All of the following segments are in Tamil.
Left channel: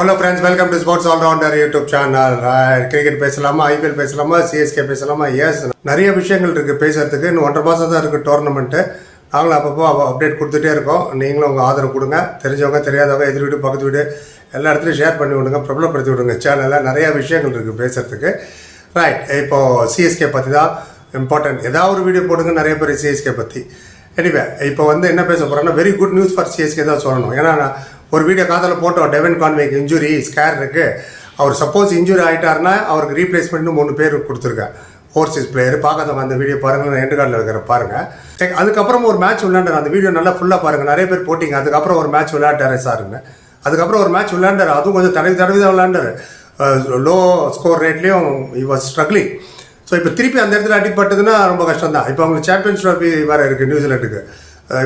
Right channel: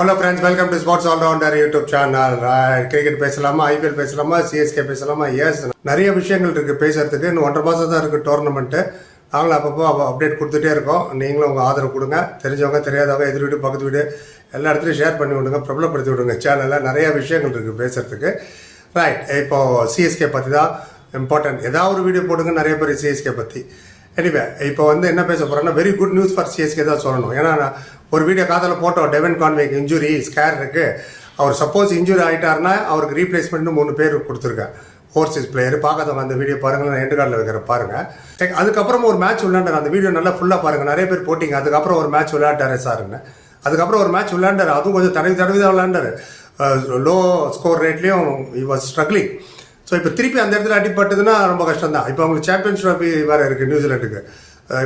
Hello friends welcome to sports allrounder YouTube channel cricket பேசலாமா? ஐபிஎல் பேசலாமா? சிஎஸ்கே பேசலாமா? எஸ் நிறைய விஷயங்கள் இருக்கு. பேசுறதுக்கு இன்னும் ஒன்றரை மாதம் தான் இருக்கு டோர்னமெண்ட்டு நாங்களும் அப்பப்போ அப்டேட் கொடுத்துட்டே இருக்கோம். நீங்களும் உங்கள் ஆதரவு கொடுங்க. தெரிஞ்சவங்க தெரியாதவங்க எதிர் வீடு பக்கத்து வீடு எல்லா இடத்துலையும் ஷேர் பண்ணி விடுங்க. பிரபலப்படுத்தி விடுங்க. சேனலில் நிறைய விஷயங்கள் இருக்குது பேசுறதுக்கு. ரைட் இப்போ சிஎஸ்கே பற்றி தான் இம்பார்ட்டன்ட் ஏதாவது ஒரு வீடியோ போடுங்க. நிறைய பேர் சிஎஸ்கே பற்றி எனிவே இப்போ வந்து என்ன பேச போறோம்னா very good news for CSK தான் சொல்லணும். ஏன்னா நான் ஒரு வீடியோ காதில் போட்டோம். டெவன் கான்வேக்கு இன்ஜுரி ஸ்கேர் இருக்கு. அவர் சப்போஸ் இன்ஜுரி ஆகிட்டாருன்னா அவருக்கு ரீப்ளேஸ்மெண்ட்னு மூணு பேர் கொடுத்துருக்கேன் ஓவர்சீஸ் பிளேயர் பார்க்காதவங்க அந்த வீடியோ பாருங்க நான் எண்டு கார்டில் இருக்கிற பாருங்க. அதுக்கப்புறம் ஒரு மேட்ச் விளையாண்டார். அந்த வீடியோ நல்லா ஃபுல்லாக பாருங்கள் நிறைய பேர் போட்டிங்க. அதுக்கப்புறம் ஒரு மேட்ச் விளையாண்டாரு சாருன்னு அதுக்கப்புறம் ஒரு மேட்ச் விளையாண்டார். அதுவும் கொஞ்சம் தடவி தடவி தான் விளையாண்டாரு. லோ ஸ்கோர் ரேட்லேயும் இ வாஸ் ஸ்ட்ரகிளிங் ஸோ இப்போ திருப்பி அந்த இடத்துல அடிப்பட்டதுன்னா ரொம்ப கஷ்டம் தான் இப்போ அவங்களுக்கு சாம்பியன்ஸ் ட்ராஃபி வேறு இருக்குது நியூசிலாண்டுக்கு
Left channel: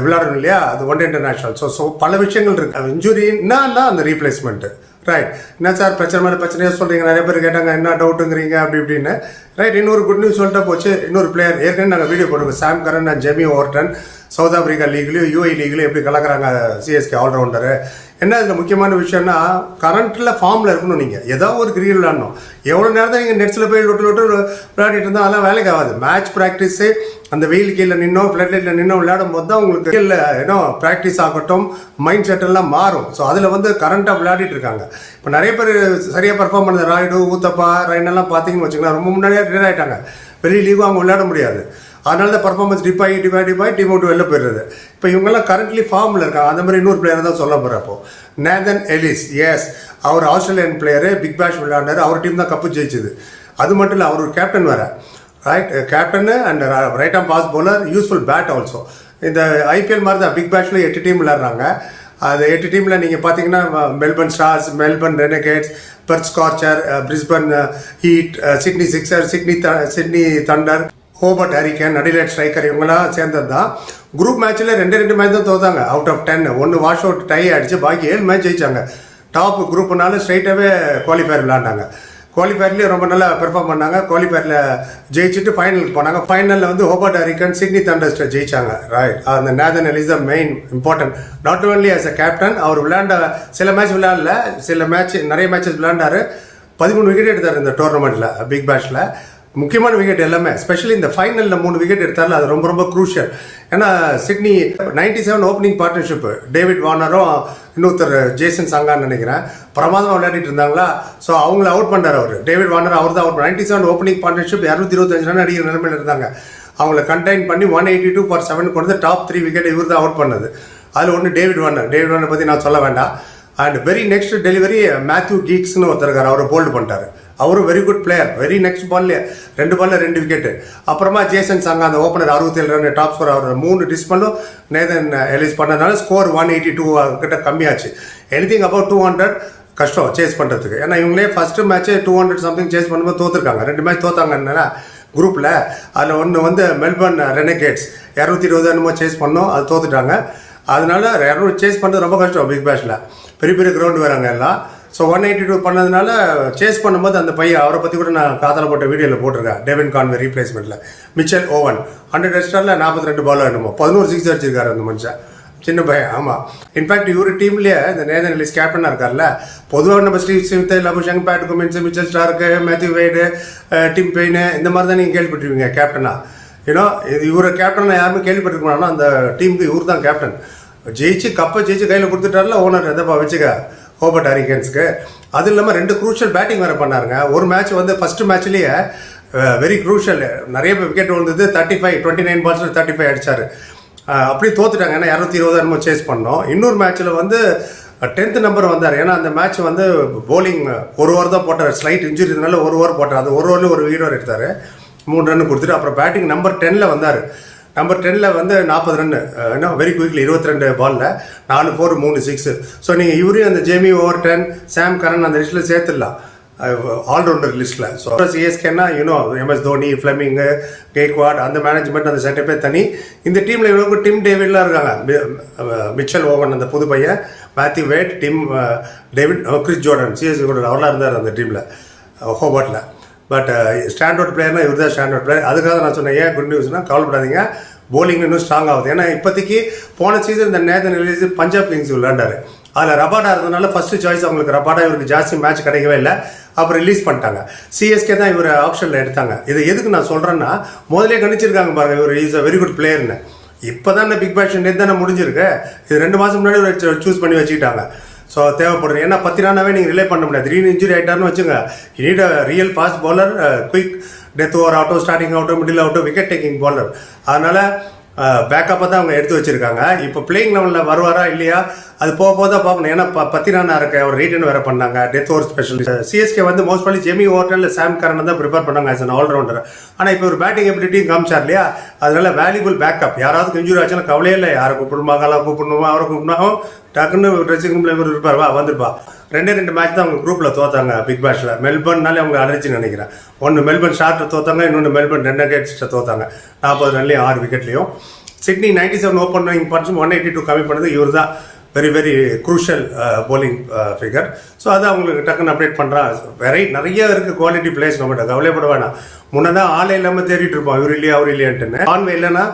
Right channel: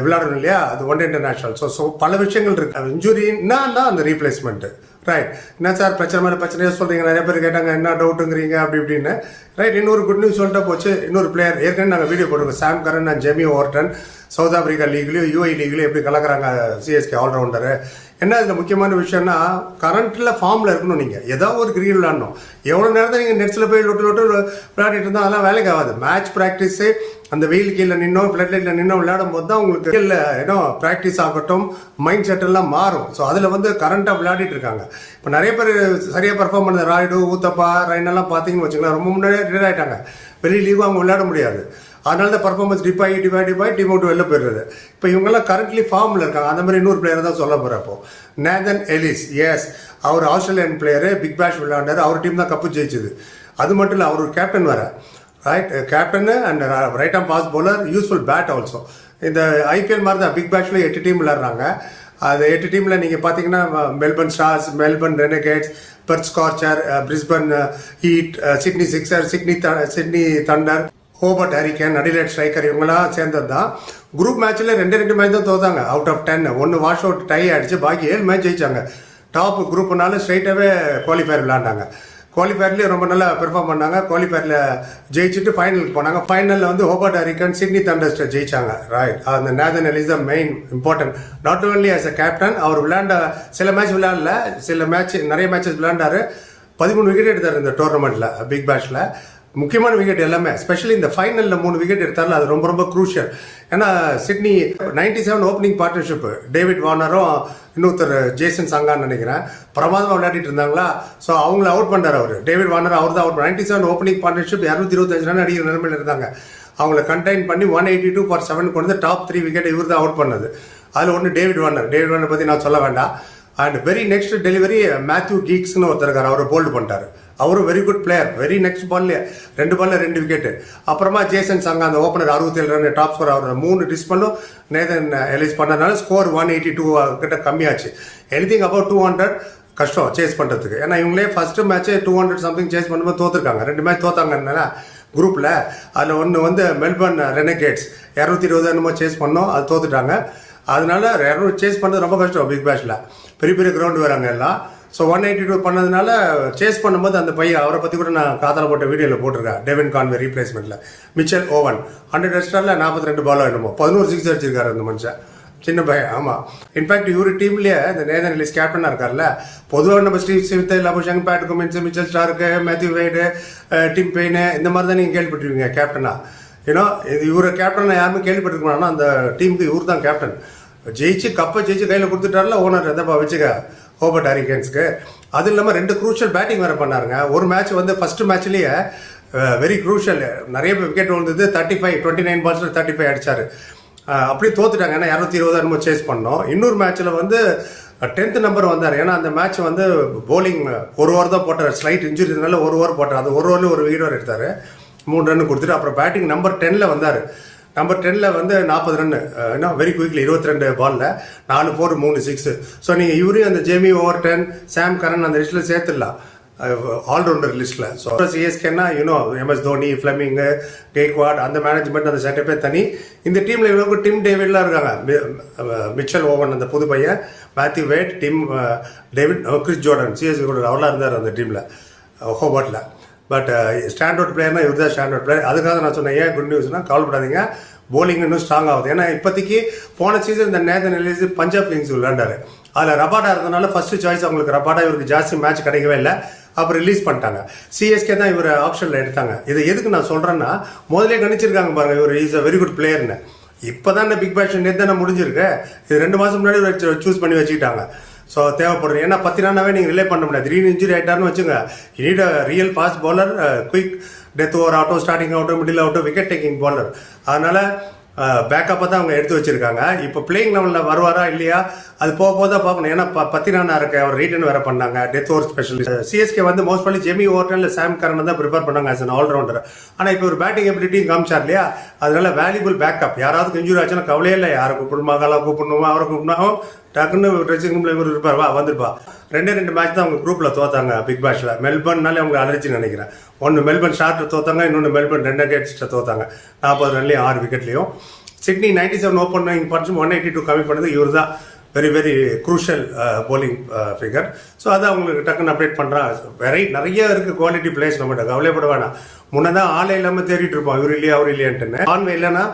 விளையாடணும் இல்லையா? அது one day international so so பல விஷயங்கள் இருக்கு. இன்ஜுரின்னா அந்த ரீப்ளேஸ்மெண்ட் ரைட் என்ன சார் பிரச்சனை மாதிரி பிரச்சனையாக சொல்கிறீங்க நிறைய பேர் கேட்டாங்க என்ன டவுட்டுங்கிறீங்க அப்படி இப்படின்னு. ரைட் இன்னொரு குட் நியூஸ் சொல்லிட்டா போச்சு. இன்னொரு பிளேயர் ஏற்கனவே நாங்கள் வீடியோ போடுவோம் Sam Curran and Jamie Overton South Africa லீக்லேயும் UAE லீக்லேயும் எப்படி கலக்குறாங்க? சிஎஸ்கே ஆல்ரவுண்டரு என்ன இதில் முக்கியமான விஷயம்னா கரண்ட்டில் ஃபார்மில் இருக்கணும் நீங்கள் ஏதாவது ஒரு கிரிக்கெட் விளாடணும் எவ்வளோ நேரம் நீங்கள் நெட்ஸில் போய் லொட்டு லொட்டு விளையாடிட்டு இருந்தால் அதெல்லாம் வேலைக்கு ஆகாது. மேட்ச் ப்ராக்டிஸு அந்த வெயில் கீழே நின்னோம் ஃப்ளட்லைட்டில் லைட்ல நின்னோம் விளையாடும் போது தான் உங்களுக்கு இல்லை ஏன்னோ ப்ராக்டிஸ் ஆகட்டும் மைண்ட் செட் எல்லாம் மாறும். ஸோ அதில் வந்து கரண்ட்டாக விளையாடிட்டு இருக்காங்க. இப்போ நிறைய பேர் சரியாக பர்ஃபார்ம் பண்ணது ராய்டு ஊத்தப்பா ரெண்டெல்லாம் பார்த்தீங்கன்னு வச்சுக்கலாம் ரொம்ப முன்னாடியே ரிட்டையர் ஆகிட்டாங்க வெளியே லீவாக அவங்க விளையாட முடியாது. அதனால தான் பர்ஃபார்மன்ஸ் டிப் ஆகி டிப் ஆகி டிப் ஆகி டீம் அவுட் வெளில போயிடுறது. இப்போ இவங்கெல்லாம் கரண்ட்லி ஃபார்மில் இருக்காங்க. அந்த மாதிரி இன்னொரு பிளேயர் தான் சொல்ல போகிறேன் அப்போ. நேதன் எலிஸ் எஸ் அவர் ஆஸ்திரேலியன் பிளேயரு பிக் பேஷ் விளையாண்டார் அவர் டீம் தான் கப்பு ஜெயிச்சது. அது மட்டும் இல்லை அவர் ஒரு கேப்டன் வேற. Right captain and right arm pace bowler useful bat also இந்த ஐபிஎல் மாதிரி தான் பிக் பேஷில் எட்டு டீம் விளையாடுறாங்க. அந்த எட்டு டீமில் நீங்கள் பார்த்தீங்கன்னா Melbourne Stars Melbourne Renegades Perth Scorcher Brisbane Heat Sydney Sixer Sydney Sydney Thunder Hobart Hurricane Adelaide Striker இவங்கெல்லாம் சேர்ந்தது தான் குரூப் மேட்ச்சில் ரெண்டு ரெண்டு மேட்ச் தான் தோத்தாங்க. அவுட் ஆஃப் டென் ஒன்று வாஷ் அவுட் டை அடிச்சு பாக்கி ஏழு மேட்ச் ஜெயிச்சாங்க. டாப் குரூப்னால ஸ்ட்ரைட்டாகவே குவாலிஃபயர் விளாண்டாங்க குவாலிஃபயர்லேயே ரொம்ப நல்லா பெர்ஃபார்ம் பண்ணாங்க. குவாலிஃபயரில் ஜெயிச்சுட்டு ஃபைனலுக்கு போனாங்க. ஃபைனலில் வந்து ஹோபர்ட் ஹரிகன் சிட்னி தண்டர்ஸ்ட்டை ஜெயிச்சாங்க. ரைட் அந்த Nathan is the main important not only as a captain அவர் விளையாண்ட சில மேட்ச் விளையாடல. சில மேட்ச் நிறைய மேட்சஸ் விளையாண்டாரு. பதிமூணு விக்கெட் எடுத்தார் இந்த டோர்னமெண்ட்டில் பிக் பேஷில் முக்கியமான விக்கெட் எல்லாமே ஸ்பெஷலி இந்த ஃபைனலில் மூணு விக்கெட் எடுத்தாலும் அது ரொம்ப ரொம்ப குரூஷியல் ஏன்னா Sydney ninety seven opening partnership David வார்னரும் இன்னொருத்தர் ஜேசன் சங்கான்னு நினைக்கிறேன் பிரமாதமாக விளையாடிட்டு இருந்தாங்களா? ஸோ அவங்கள அவுட் பண்ணார் அவர். டேவிட் வார்னர் அவர் தான் out ninety seven opening partnership இரநூத்தி இருபத்தஞ்சு ரன் அடிக்கிற நிலைமையில் இருந்தாங்க. அவங்கள கண்டெயின் பண்ணி one eighty two for seven கொண்டு டாப் த்ரீ விக்கெட் இவர் தான் அவுட் பண்ணது அதில் ஒன்று டேவிட் வார்னர் டேவிட் வார்னர் பற்றி நான் சொல்ல வேண்டாம். And very next delivery Matthew கீக்ஸ்னு ஒருத்தருக்கார் அவரை போல்டு பண்ணிட்டாரு. அவரும் very good player very next பால்ல ரெண்டு பால்ல ரெண்டு விக்கெட் அப்புறமா ஜேசன் சங்கா அந்த ஓப்பனர் அறுபத்தி ஏழு ரன் டாப் ஸ்கோர் அவர் மூணு டிஸ் பண்ணும் நேதன் எலிஸ் பண்ணதுனால ஸ்கோர் ஒன் எயிட்டி டூ கிட்ட கம்மியாச்சு. எனிதிங் அபவுட் டூ ஹண்ட்ரட் கஷ்டம் சேஸ் பண்ணுறதுக்கு ஏன்னா இவங்களே first match two hundred something chase பண்ணும்போது தோத்துருக்காங்க. ரெண்டு மேட்ச் தோத்தாங்கன்னா குரூப்பில் அதில் ஒன்று வந்து மெல்பர்ன் ரெனகேட்ஸ் இரநூத்தி இருபது என்னமோ சேஸ் பண்ணோம் அது தோத்துட்டாங்க. அதனால இரநூறு சேஸ் பண்ணுறது ரொம்ப கஷ்டம் பிக் பேஷில் பெரிய பெரிய கிரவுண்ட் வேறாங்க எல்லாம். ஸோ ஒன் எயிட்டி டூ பண்ணதுனால சேஸ் பண்ணும்போது அந்த பையன் அவரை பற்றி கூட நான் காதல போட்ட வீடியோவில் போட்டிருக்கேன். டெவின் கான்வே ரீப்ளேஸ்மெண்ட்டில் மிச்சல் ஓவன் ஹண்ட்ரட் ரெஸ்டாரில் நாற்பத்தி ரெண்டு பால் என்னமோ. பதினோரு சிக்ஸ் அடிச்சிருக்காரு அந்த மனுஷன். சின்ன பையன். ஆமாம் இன்ஃபேக்ட் இவர் டீம்லேயே இந்த நேதன் லிஸ்ட் கேப்டனாக இருக்கார்ல. பொதுவாக நம்ம Steve Smith Labuschagne Pat Cummins Mitchell Starc Matthew Wade Tim Paine இந்த மாதிரி தான் நீங்கள் கேள்விப்பட்டிருவீங்க கேப்டனா ஏன்னா இது இவரை கேப்டன் யாருமே கேள்விப்பட்டிருக்க அந்த டீமுக்கு இவர் தான் கேப்டன் ஜெயிச்சு கப்பை ஜெயிச்சு கையில் கொடுத்துட்டார்ல ஓனர் எதப்பா வச்சுக்க. ஹோபர்ட் ஹரிகன்ஸ்க்கு. அது இல்லாமல் ரெண்டு குரூஷியல் பேட்டிங் வேறு பண்ணாருங்க. ஒரு மேட்ச் வந்து ஃபர்ஸ்ட் மேட்ச்லேயே வெரி குரூஷியல் நிறைய விக்கெட் விழுந்தது தேர்ட்டி ஃபைவ் டுவெண்ட்டி நைன் பால்ஸில் தேர்ட்டி ஃபைவ் அடித்தார் அப்படி தோத்துட்டாங்க. ஏன்னா இரநூத்தி இருபது என்னமோ சேஸ் பண்ணோம். இன்னொரு மேட்ச்சில் வந்து டென்த் நம்பர் வந்தார். ஏன்னா அந்த மேட்ச் வந்து போலிங் ஒரு ஓவர் தான் போட்டார். ஸ்லைட் இன்ஜுரினால ஒரு ஓவர் போட்டார். அந்த ஒரு ஓவரில் ஒரு வீடு எடுத்தார். மூணு ரன் கொடுத்துட்டு அப்புறம் பேட்டிங் நம்பர் டென்னில் வந்தார். நம்பர் டென்ல வந்து நாற்பது ரன் என்ன வெரி குயிக்லி இருபத்தி ரெண்டு பால்ல நாலு ஃபோர் மூணு சிக்ஸ் ஸோ நீங்கள் இவரையும் அந்த Jamie Overton Sam Curran அந்த லிஸ்ட்டில் சேர்த்துடலாம். ஆல்ரவுண்டர் லிஸ்ட்ல so சிஎஸ்கேனா you know MS Dhoni Fleming Gaikwad அந்த மேனேஜ்மெண்ட் அந்த செட்டப்பே தனி. இந்த டீம்ல இவ்வளோ டிம் டேவிட்லாம் இருக்காங்க. மிச்சல் ஓவன் அந்த புது பையன் Matthew Wade Tim David Chris Jordan CSK கூட அவர்லாம் இருந்தார் அந்த டீம்ல ஹோபர்ட்ல பட் ஸ்டாண்டர்ட் பிளேயர்னா இவர் தான் ஸ்டாண்டர்ட் பிளேயர் அதுக்காக நான் சொன்னேன் ஏன் குட் நியூஸ்னா கவலைப்படாதீங்க. போலிங் இன்னும் ஸ்ட்ராங் ஆகுது. ஏன்னா இப்போதைக்கு போன சீசன் இந்த நேதன் எலிஸ் பஞ்சாப் கிங்ஸ் விளையாண்டாரு. அதில் ரபாடா இருந்ததுனால ஃபர்ஸ்ட் சாய்ஸ் அவங்களுக்கு ரபாடா இவருக்கு ஜாஸ்தி மேட்ச் கிடைக்கவே இல்லை. அப்புறம் ரிலீஸ் பண்ணிட்டாங்க. சிஎஸ்கே தான் இவர் ஆப்ஷனில் எடுத்தாங்க. இது எதுக்கு நான் சொல்கிறேன்னா முதலே கணிச்சிருக்காங்க பாருங்க இவர் இஸ் அ வெரி குட் பிளேயர்னு இப்போதான் இந்த பிக் பேஷன் நேற்று தானே முடிஞ்சிருக்கு. இது ரெண்டு மாதம் முன்னாடி சூஸ் பண்ணி வச்சுக்கிட்டாங்க. ஸோ தேவைப்படுது. ஏன்னா பத்து நாளாவே நீங்கள் ரிலே பண்ண முடியாது. திடீர்னு இன்ஜுரி ஆயிட்டாருன்னு வச்சுங்க need real fast bowler quick death over ஆகட்டும் ஸ்டார்டிங் ஆகட்டும் மிடில் ஆகட்டும் விக்கெட் டேக்கிங் பவுலர் அதனால் பேக்கப்பாக தான் அவங்க எடுத்து வச்சிருக்காங்க. இப்போ பிளேயிங் லெவலில் வருவாரா இல்லையா? அது போக போக தான் பார்க்கணும். ஏன்னா ப பத்திரானா இருக்க அவர் ரீட்டன் வேற பண்ணாங்க. டெத் ஓவர் ஸ்பெஷலிஸ்ட் சிஎஸ்கே வந்து மோஸ்ட் பண்ணி ஜெமி ஓவர்டன் சாம் கரன் தான் ப்ரிப்பேர் பண்ணாங்க ஆஸ் அன் ஆல்ரவுண்டர் ஆனால் இப்போ ஒரு பேட்டிங் எபிலிட்டியும் காமிச்சார் இல்லையா? அதனால வேல்யூபிள் பேக்கப் யாராவது இன்ஜுரி ஆச்சுன்னா கவலையே இல்லை. யாரை கூப்பிடுமா காலா கூப்பிடணுமா அவரை கூப்பிடணும் டக்குன்னு ட்ரெஸ்ஸிங் ரூம்ல இவர் இருப்பார். வா வந்துருப்பா ரெண்டே ரெண்டு மேட்ச் தான் அவங்க குரூப்பில் தோத்தாங்க பிக் பேஷ்ல மெல்பர்ன்னாலே அவங்க அலர்ஜின்னு நினைக்கிறேன். ஒன்று மெல்பர்ன் ஷார்ட்டில் தோத்தாங்க இன்னொன்று மெல்பர்ன் ரெண்டு கேட்ஸ்ல தோத்தாங்க. நாற்பது ரன்லையும் ஆறு விக்கெட்லையும் சிட்னி நைன்டி செவன் ஓப்பன் பண்ணி ஒன் எயிட்டி டூ கம்மி பண்ணது. இவர் தான் very very crucial bowling figure so அதை அவங்களுக்கு டக்குன்னு அப்டேட் பண்ணுறான் வெரை நிறைய இருக்கு குவாலிட்டி பிளேஸ் நம்மகிட்ட கவலைப்பட வேணாம். முன்னதான் ஆளே இல்லாமல் தேடிட்டு இருப்போம். இவர் இல்லையா அவர் இல்லையான்ட்டுன்னு. ஆன்லைன் இல்லைன்னா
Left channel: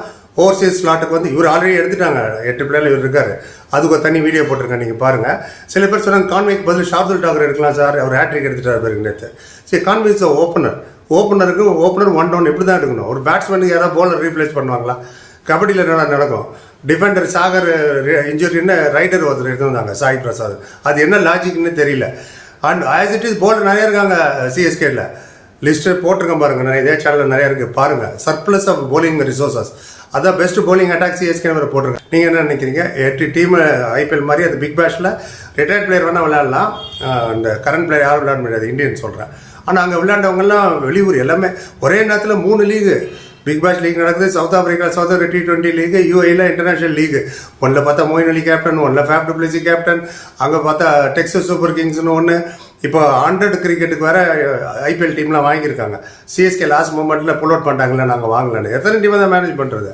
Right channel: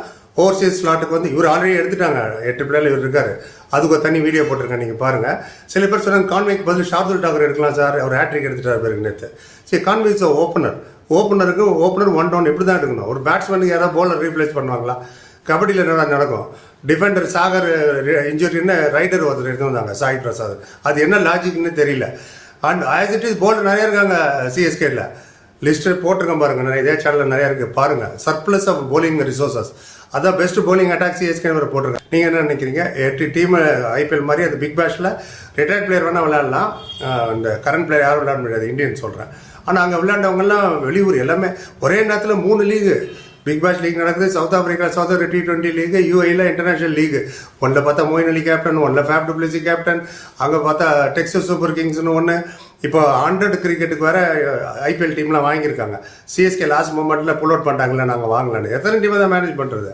ஓவர்சீஸ் ஸ்லாட்டுக்கு வந்து இவர் ஆல்ரெடி எடுத்துட்டாங்க. எட்டு பிளேயர் இவர் இருக்காரு. அதுக்கு ஒரு தனி வீடியோ போட்டிருக்கேன் நீங்க பாருங்க. சில பேர் சொன்னாங்க கான்வெக் பதில் ஷாப்துல் டாக்கர் எடுக்கலாம் சார். அவர் ஹேட்ரிக் எடுத்துட்டாரு பேருக்கு நேற்று சரி கான்வெக்ஸ் ஓப்பனர் ஓப்பனருக்கு ஓப்பனர் ஒன் டவுன் இப்படி தான் எடுக்கணும்? ஒரு பேட்ஸ்மேனுக்கு யாராவது போலர் ரீப்ளேஸ் பண்ணுவாங்களா? கபடியில் என்ன நடக்கும்? டிஃபெண்டர் சாகர் இன்ஜுரின்னு ரைடர் ஒருத்தர் இருந்தாங்க சாய் பிரசாத். அது என்ன லாஜிக்னு தெரியல. And as it is bowler நிறைய இருக்காங்க சிஎஸ்கேல லிஸ்ட் போட்டிருக்கேன் பாருங்க நிறைய இதே சேனல் நிறைய இருக்கு. பாருங்க சர்ப்ளஸ் ஆஃப் போலிங் ரிசோர்சஸ் அதான் பெஸ்ட் போலிங் அட்டாக் சிஎஸ்கே வர போட்டிருக்கேன் நீங்க என்ன நினைக்கிறீங்க? எட்டு டீம் ஐபிஎல் மாதிரி அது பிக் பேஷ்ல ரிட்டையர்ட் பிளேயர் வேணா விளையாடலாம். அந்த இந்த கரண்ட் பிளேயர் யாரும் விளையாட முடியாது? இந்தியன் சொல்றேன். ஆனால் அங்கே விளையாண்டவங்கெல்லாம் வெளியூர் எல்லாமே ஒரே நேரத்தில் மூணு லீகு பிக் பாஸ் லீக் நடக்குது South Africa South Africa T twenty league யூஏல international league ஒன்றில் பார்த்தா மோயின் அலி கேப்டன் ஒன்றில் ஃபேப் டபிள்யூசி கேப்டன் அங்கே பார்த்தா டெக்ஸஸ் சூப்பர் கிங்ஸ்னு ஒன்று இப்போ ஹண்ட்ரட் கிரிக்கெட்டுக்கு வேற ஐபிஎல் டீம்லாம் வாங்கியிருக்காங்க. சிஎஸ்கே லாஸ்ட் மூமெண்ட்டில் புல் அவுட் பண்ணிட்டாங்களே நாங்கள் வாங்கலன்னு. எத்தனை டீம் தான் மேனேஜ் பண்ணுறது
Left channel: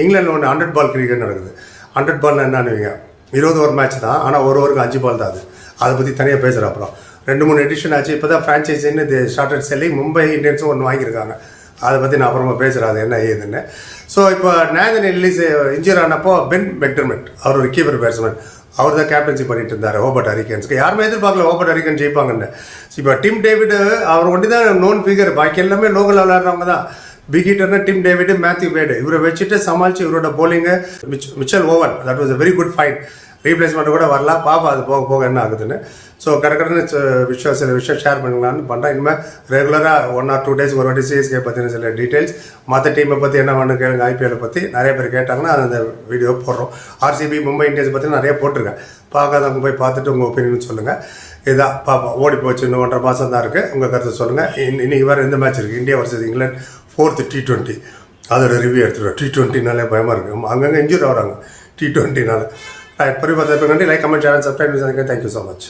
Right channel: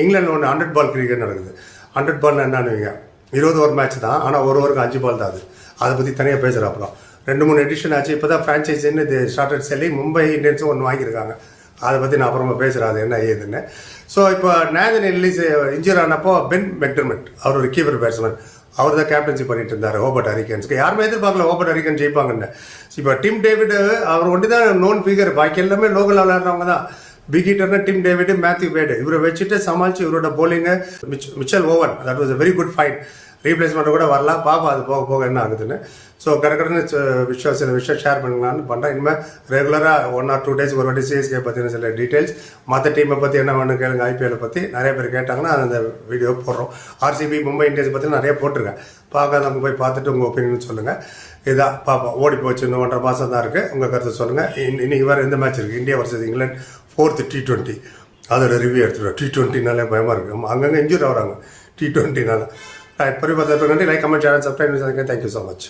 இங்கிலாந்து ஒன்று ஹண்ட்ரட் பால் கிரிக்கெட் நடக்குது. ஹண்ட்ரட் பால் என்னன்னுவீங்க இருபது ஓவர் மேட்ச் தான் ஆனால் ஒரு ஒருக்கும் அஞ்சு பால் தான் அது. அதை பற்றி தனியாக பேசுகிறேன் அப்புறம். ரெண்டு மூணு எடிஷன் ஆச்சு. இப்போ தான் ஃப்ரான்ச்சைஸின்னு இது ஷார்ட் செல்லி மும்பை இந்தியன்ஸும் ஒன்று வாங்கியிருக்காங்க. அதை பற்றி நான் அப்புறமா பேசுகிறேன் அது என்ன ஏதுன்னு ஸோ இப்போ நேதன் ரிலீஸ் இன்ஜூர் ஆனப்போ பென் மெக்டர்மெண்ட் அவர் ஒரு கீப்பர் பேட்ஸ்மேன் அவர் தான் கேப்டன்ஷிப் பண்ணிட்டு இருந்தார் ஓபர்ட் ஹரிகன்ஸ்க்கு யாருமே எதிர்பார்க்கல ஓபர்ட் ஹரிகன் ஜெயிப்பாங்கன்னு. இப்போ டிம் டேவிட் அவர் ஒண்டி தான் நோன் ஃபிகர் பாக்கி எல்லாமே லோக்கல் விளையாடுறவங்க தான். பிகிட்டர்னு டிம் டேவிட் மேத்யூ வேடு இவரை வச்சுட்டு சமாளித்து இவரோட bowling Mitchell Owen that was a very good fight replacement கூட வரலாம் பாப்பா அது போக போக என்ன ஆகுதுன்னு. ஸோ கரெக்டான விஷயம் சில விஷயம் ஷேர் பண்ணலாம்னு பண்ணுறேன் இனிமேல் ரெகுலராக ஒன் ஆர் டூ டேஸ் ஒரு வாட்டி சிஎஸ்கே பற்றின சில டீட்டெயில்ஸ் மற்ற டீமை பற்றி என்ன வேணும் கேளுங்க. ஐபிஎல் பற்றி நிறைய பேர் கேட்டாங்கன்னா அந்த வீடியோ போடுறோம். ஆர்சிபி மும்பை இந்தியன்ஸ் பற்றி நிறைய போட்டிருக்கேன். பார்க்காதவங்க போய் பார்த்துட்டு உங்கள் ஒப்பீனியன் சொல்லுங்கள் இதான் பாப்பா ஓடி போச்சு. இன்னும் ஒன்றரை மாதம் தான் இருக்குது உங்கள் கருத்தை சொல்லுங்கள் இன்னைக்கு வேறு இந்த மேட்ச் இருக்குது India versus England fourth T twenty அதோட ரிவ்யூ எடுத்துருவோம் டி டுவெண்ட்டினாலே பயமாக இருக்குது அங்கங்கே இன்ஜூர் ஆகிறாங்க. டி ட்வெண்ட்டினால ரைட் பரிபாத்திரத்துக்கு நன்றி like comment channel subscribe thank you so much